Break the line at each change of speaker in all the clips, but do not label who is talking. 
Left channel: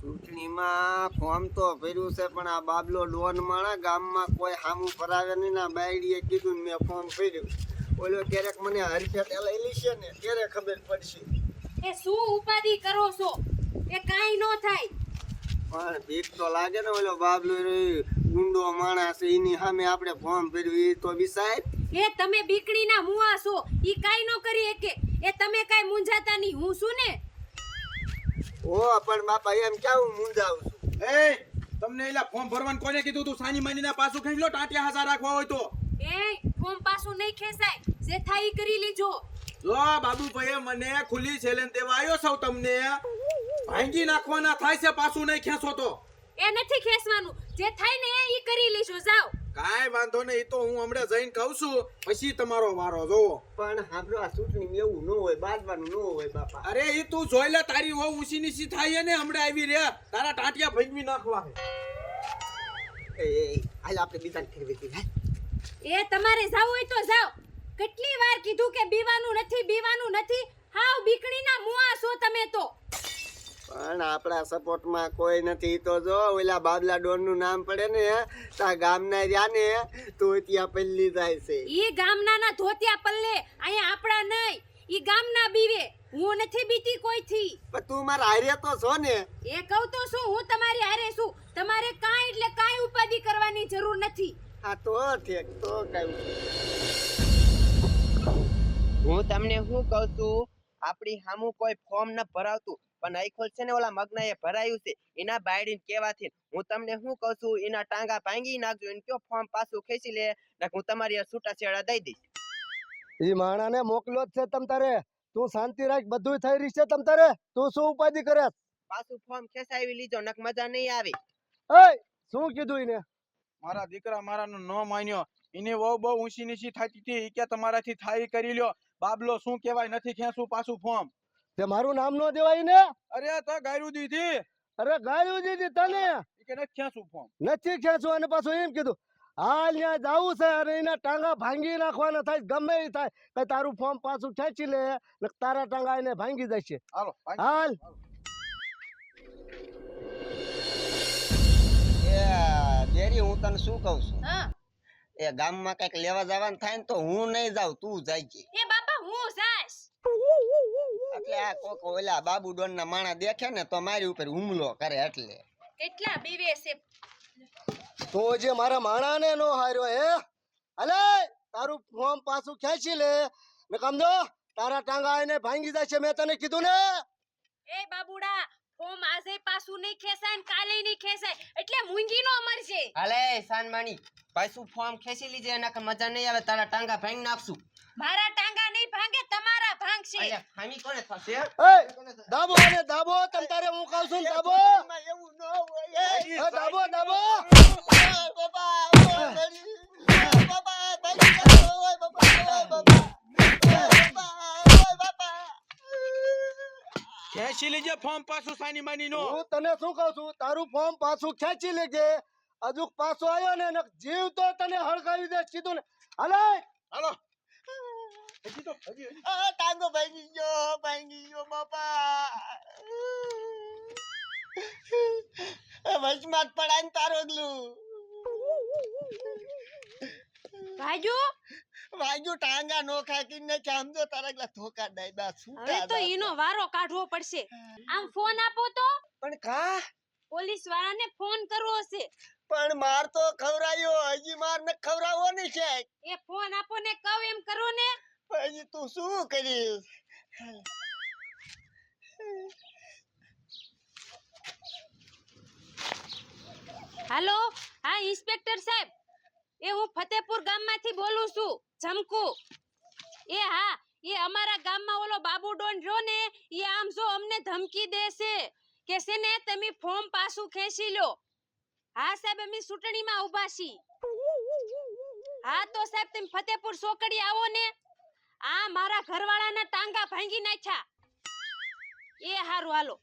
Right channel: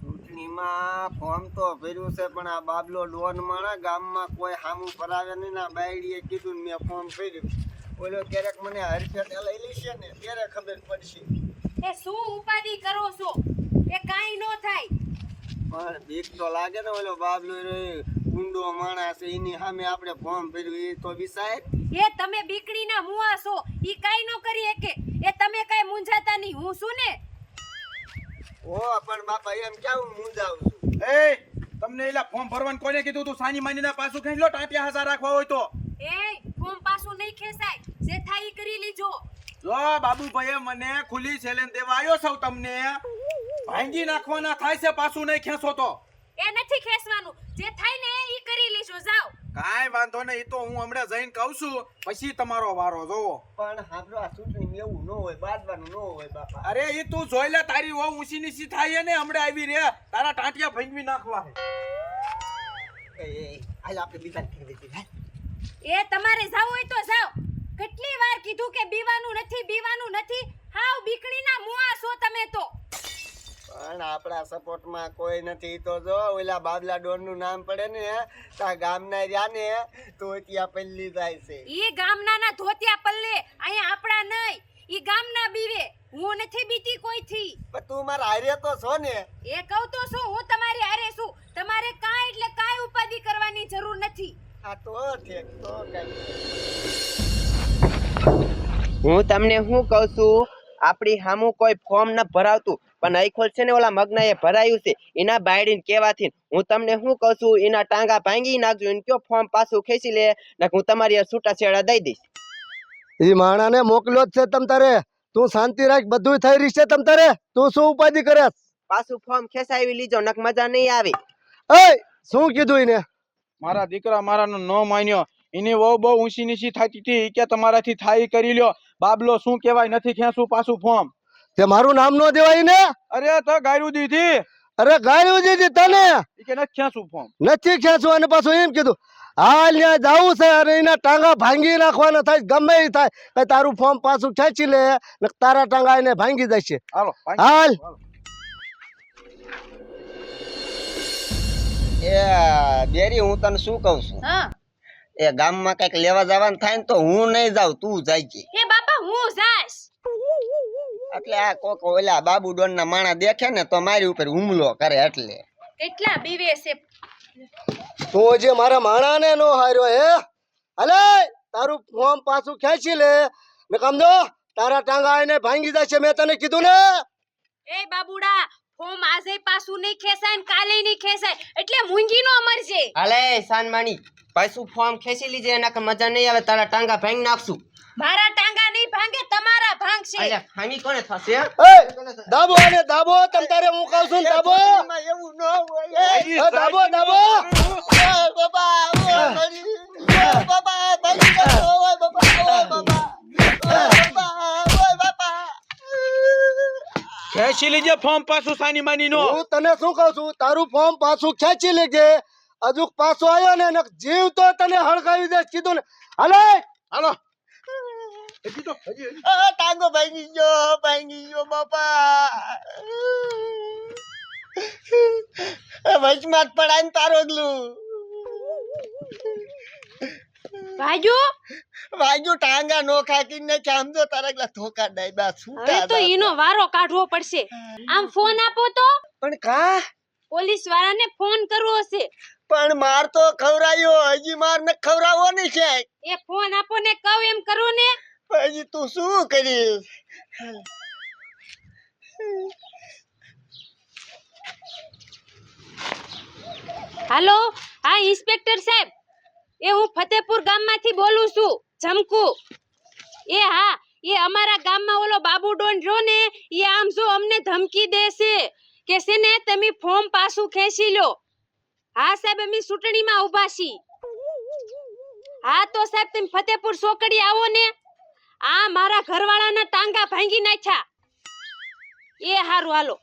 ચૂંટણીમાં ફોર્મ તો ભર્યું છે પણ આ બાબલો ડોન માણા ગામમાં કોઈ સામું ફરાવે નહીં ના બાયડીએ કીધું મેં ફોર્મ ભર્યું. ઓલો ક્યારેક મને હરફેટે લઈ છે ને ત્યારે ખબર પડશે.
એ શું ઉપાધિ કરો છો? એ કાંઈ ન થાય.
પણ બીક તો લાગે ને ઓલો બાબલો ગુંડો માણસ એની સામે આપણે ફોર્મ ભર્યું એ તો વિસાય.
એ તમે બીકડીના મુવા છો ઈ કાંઈ ન કરી શકે. એ તમે કાંઈ મૂંઝાતા નહીં. હું છું ને?
ઓ પણ બાપા એમ ક્યાં હું મૂંઝાવું
છું? એ તમને એલા ફોર્મ ભરવાનું કોને કીધું તું? સાની માનીના પાછું ખેંચ લો ટાંટિયા હજાર રાખવા હોય તો.
એ ફોર્મ પાછું નહીં ખેંચાય. જે થાય ઈ કરી લીજો.
જો બાબુભાઈએ મને ખુલ્લી ચેલેન્જ દેવા આવ્યો છું તમને. ભાંગી નાખવાના થાય છે પાછું નહીં ખેંચો તો.
એ નથી ખેંચવાનું. જે થાય ને એ કરી લીજો જાઓ.
કાંઈ વાંધો નહીં એ તો હું હમણાં જઈને કહું છું. પછી તમારો વારો જોવો.
પણ આપણો આ ચૂંટણી એવું ન હોય બાદવાનું ન હોય બાપા.
અરે એ તું જોઈ લે તારી વહુ ઊંચી નીચી થાય ને હમણાં આવી રે તારા ટાંટિયા ભાંગવી નાખવા.
એ એ, હાલ આપણે બીજા ફેરવી દીધા
એ તમારે જાવ હોય તો જાઓ. કેટલી વાર કીધું કે બીવાનું નથી બીવાનું નથી? હાવ બીકણીના મુઆ છો તમે તો.
પણ આપણા સપોર્ટમાં કોઈ નથી. તો જો ઓલા બાબલા ડોનનું નામ પડે ને તા ગામના રહ્યા ને તો પલ્લી જાય છે.
ઈ ગામનાના ધોતિયા પલ્લે અહીંયા આપણા નહીં. ઈ ગામના બીવે. હું નથી બીતી કોઈથી.
પણ તું મારા હારે તો છો ને.
એ કહું તો શું? હું તમારી હારે છું. તમારે કાંઈ એટલે કાંઈ ઉપાધિ કરવાની જરૂર નથી. આ તો ઠેક તો કઈ
હું તમને શું કહું છું? આપણી સામું કોઈ ફોર્મ ન ભરાવતું. પણ આઈખોલ છે ને ઓલા મગના એ ભરાયું છે. એના બાયડીને કહેવાથી હું તમને શું કહું છું એના ટાંગા ભાંગી નાખજો એને કયો ફોર્મ પાછું ખેંચી લે ને હું તમારી આ છૂટા છેડા દઈ દઈશ.
ઈ માણાને મોકલ્યો જ છે તમ તારે. તું શાંતિ રાખ બધું થઈ રહી છે તમ તારે. તું શું ઉપાધિ કરે
પાછું ફોર્મ ખેંચાવી લીજો નક મજા નહીં આવે.
એ શું કીધું એને? મારા દીકરા મારાનો નો માન્યો. એની વહુ બહુ ઊંચી નીચી થતી હતી કે તમારાથી થાય કરી લ્યો. બાબલો શું કહેવાય નથી ખેંચું પાછું ફોર્મ તે મારું નામ નો દેવાય ને? અરે તો ગાયું દીધી અરે ગાયું દીધી તને કે નથી ખેંચવું ફોર્મ નથી ખેંચવું અને પાછું એમ કીધું હાલ ત્યાં જવું છે અને એના ટાંગા ભાંગી નાખવાના થાય ગમે એ થાય. કઈ તારું ફોર્મ પાછું ખેંચી લે ને તારા ટાંગા એને ભાંગી જશે હાલો હાલ.
એ બેરી હું તને શું કહું છું? હા. એ ગામમાં કંઈક લેવા જવાનું થાય ને તો હું નહીં જાઉં તું જાય
એ બાપા હું જાશ
એટલે આ કોક ઓલા બાબુ ડોન ના માણા દેખે ને તો મારી ઉપર હુમલો કરે એટલે.
કેટલા બીવે છે?
તો જે મારા માણાને નો હાર્યો હે અલે તારું ફોર્મ પાછું ખેંચી લે. ને સમજો તારા ટાંગા આવીને ભાંગી જશે. મેં તને કીધું ને.
એ બાબુડા ફોર્મ આજે પાછું નહીં ખેંચાય ને કાલે નહીં ખેંચાય. એટલે મૂંગી નો મરજે.
હાલે સાનમાણી પાછું ફોર્મ ખેંચી લીજે નક મજા નહીં આવે તારા ટાંગા ભાંગી નાખશું.
મારા ટાંગા નહીં ભાંગે તમારા ભાંગશે. અલ્યા
ભાંગી કોને થશે એ
દાબો અને દાબો તમ તારે હું કહું છું દાબો.
એવું ન હોય
એ. દાબો દાબો. બાબા બાબા બાબા ખેંચી લેજે ફોર્મ પાછું સાની માની નો.
હું તને શું કહું છું? તારું ફોર્મ પાછું ખેંચી લેજે. હજુ પાછો આવ્યો ને જીવ તો તને હળગાવી દે કીધું ને.
હાલો. હાલો.
હજી તો હજી હજી. ટાંગો ભાંગી ગયો ભાંગી ગયો બાપા વચમાં પડાય ને તારો ગલું ભાઈઓ વાગ્યું ટાંગા નો ખાકી ને આમ જો તારા ગલા ધોકા ડાયબા બા
છૂટા તો ઈનો વારો કાઢવો પડશે આમ ફોન આપો તો પણ કા પોલીસ વાળાને ફોન કરવો હશે
પણ માર તો ખવરાયો હજી માર ને ખવરાવો ને છે.
એ ફોન આપો ને કહું એમ કરો ને.
હજી તું શું કરીશ
હાલો હા ઇન્સ્પેક્ટર સાહેબ એ હું ફતેપુર ગામમાંથી બોલું છું, જમકુ. એ હા, એ અમારા ગામમાં ઓલો બાબુ ડોન રહ્યો ને, એ આમ જો અમને ધમકી દેશે કે છે ને, તમે ફોર્મ પાછું ખેંચી લો. હા, સાહેબ, અમે ચૂંટણીમાં ઊભા છીએ. હા, તો સાહેબ, તમે ફતેપુર સોકડી આવો ને. આ મારા ઘરવાળાના ટાંગા ભાંગી નાખ્યા. એ હારું હાલો.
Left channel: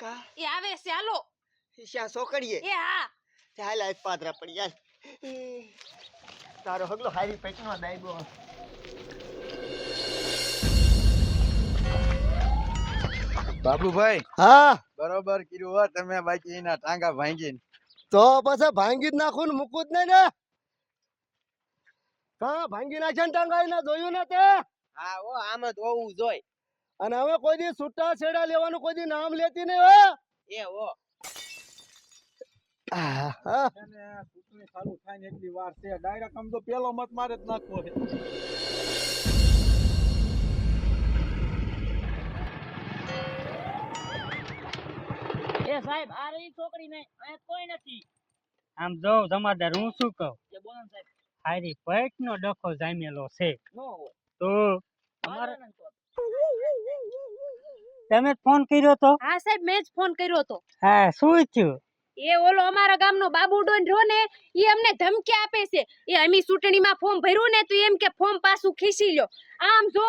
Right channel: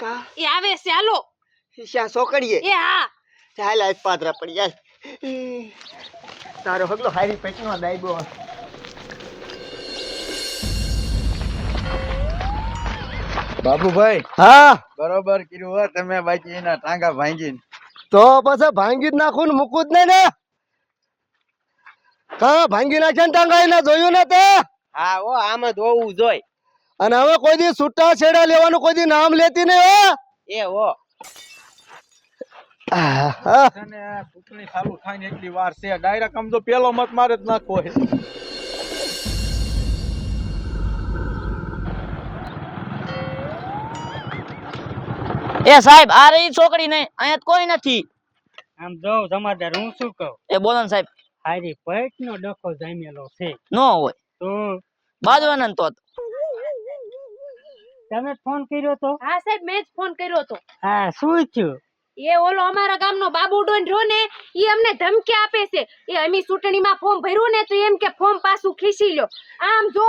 કા? એ આવે છે હાલો.
શીશા સોકડીએ એ હા. ચાલ આજ પાદરા પડી જાય.
તારો હગલો હારી પેટમાં દાઈબો બાબુભાઈ.
હા? બરોબર કર્યું હો તમે બાકી એના ટાંગા ભાંગીને.
તો પછી ભાંગી જ નાખું ને મૂકું જ નહીં ને? કા ભાંગી નાખ્યા ને ટાંગા જોયું ને તે?
હા ઓ આમ જ હોવું જોઈ.
અને હવે કોઈ દી છૂટા છેડા લેવાનું કોઈ દી નામ લેતી નહીં એ હો. ચૂંટણી ચાલુ થાય ને એટલી વાર છે. ડાયરેક્ટ આમ તો પેલો મત મારે જ નાખવો છે.
એ સાહેબ આ રહી છોકરી ને અહીંયા કોઈ નથી.
આમ જો જમાદાર હું શું કહું? એ બોલો ને સાહેબ. હારી પેટ નો ડખો જામેલો છે. નો હોય. હમ.
બાજવાના તો
તમે ફોન કર્યો તો?
હા સાહેબ મેં જ ફોન કર્યો તો
હા શું થયું?
એ ઓલો અમારા ગામનો બાબુ ડોન રહ્યો ને એ અમને ધમકી આપે છે. એ અમી ચૂંટણીમાં ફોર્મ ભર્યું ને તો એમ કે ફોર્મ પાછું ખીસી લ્યો. આમ જો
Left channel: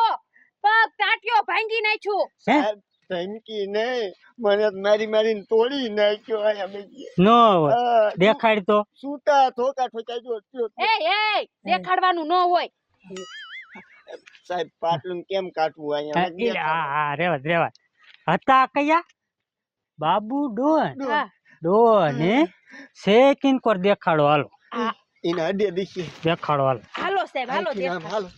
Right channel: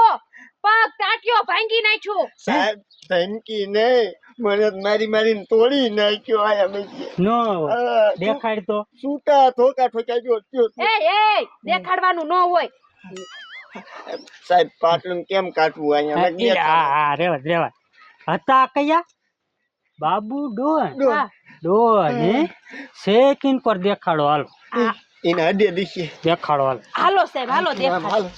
પગ તાટ્યો ભાંગી નાખ્યો.
સાહેબ ભાંગી નહીં. મને મારી મારીને તોડી નાખ્યો આ અમે.
નો દેખાડ તો.
સૂતા ઠોકા જો
એ એ દેખાડવાનું ન હોય.
સાહેબ પાટલું કેમ કાટવું અહીંયા?
હા હા રેવા રેવા. હતા કયા? બાબુ ડોન. ડોન. હે. શેકિન પર દેખાડો? હાલો.
એના હડે દીશે
દેખાડો હાલો.
હાલો સાહેબ હાલો દેખાડો. હાલો.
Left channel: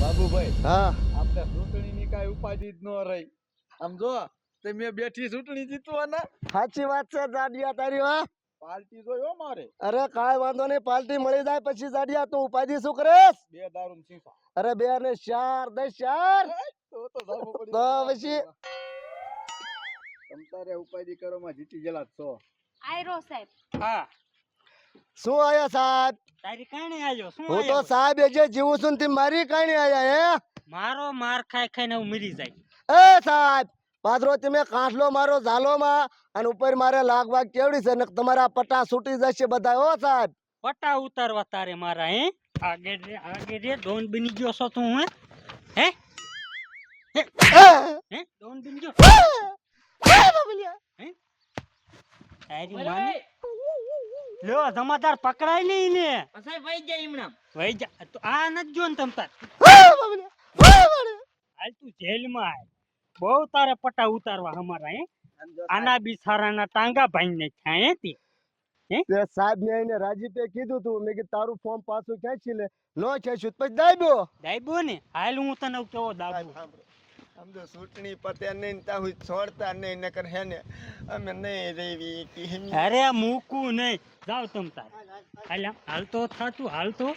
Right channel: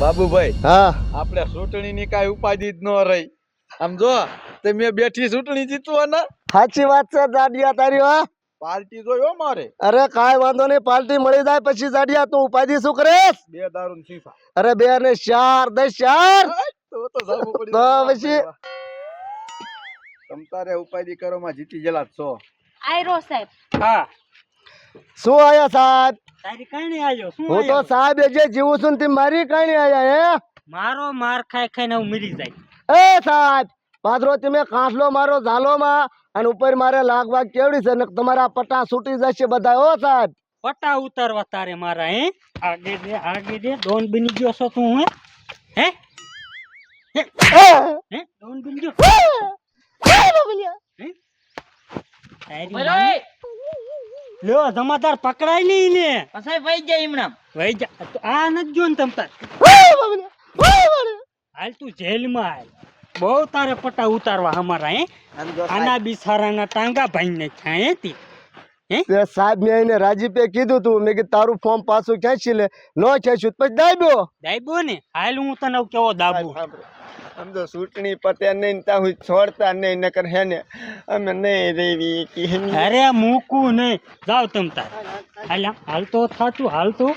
બાબુભાઈ હા. આપણે ચૂંટણીની કઈ ઉપાધિ જ ન રહી. આમ જો તમે બેઠી ચૂંટણી જીતવાના?
સાચી વાત છે દાડિયા તારી હા.
પાર્ટી જોયો મારે.
અરે કાઈ વાંધો નહીં પાર્ટી મળી જાય પછી દાડિયા તું ઉપાધિ શું કરે
બે દારૂ ને
અરે બે ને ચાર દસ ચાર. તો તો. પછી?
તમ તારે કરો માં જીતી ગયેલા છો.
આયરો સાહેબ.
હા. શું આયા સાહેબ?
તારી કાંઈ આવ્યો શું હું તો આયો?
સાહેબ એ જે જીવું છું ને તે મારી કાંઈ આયા
મારો માર ખાઈ ખાઈને હું મરી જાય.
હે એ સાહેબ પાદરો તમે કાંસલો મારો ઝાલોમાં અને ઉપર મારે લાગ વાગ કેવડી છે ને તમારા પટ્ટા છૂટી જશે બધા હો સાહેબ.
પટા ઉતારવા તારે મારા હે? આગે દે આગે દે ડોન બની ગયો છો તું હે? હે? એ! હે? ડોન બની ગયો? તારી બોલો માને- એ. લ્યો જમાદાર પકડાઈ લઈ ને પણ સાહેબ વહી જાય હમણાં વઈ જા તો આ નથી જો ને તમ તાર. હાલ તું જેલમાં હાલ. બહુ તારે પટા ઉતારવા અમારા હે? આમ જો આના બિસારાના ટાંગા ભાઈ ને હે તી?
તે સાહેબ મેં એને રાજીપે કીધું તું. મેં કીધું તારું ફોર્મ પાછું ખેંચી લે. નો ખેંચ્યું તો પછી દાબ્યો
દાઈબો ને? હાલ હું તને કેવો દાબુ?
સાંભળો. તો ચૂંટણી પતે નહીં ત્યાં સુધી છોડતા નહીં, નકર હે ને, અમે નહીં રેવી કે હે
અરે મૂકું નહીં. જાવ તમ તાર. હાલ હાલ તો થાતું, હાલ તો.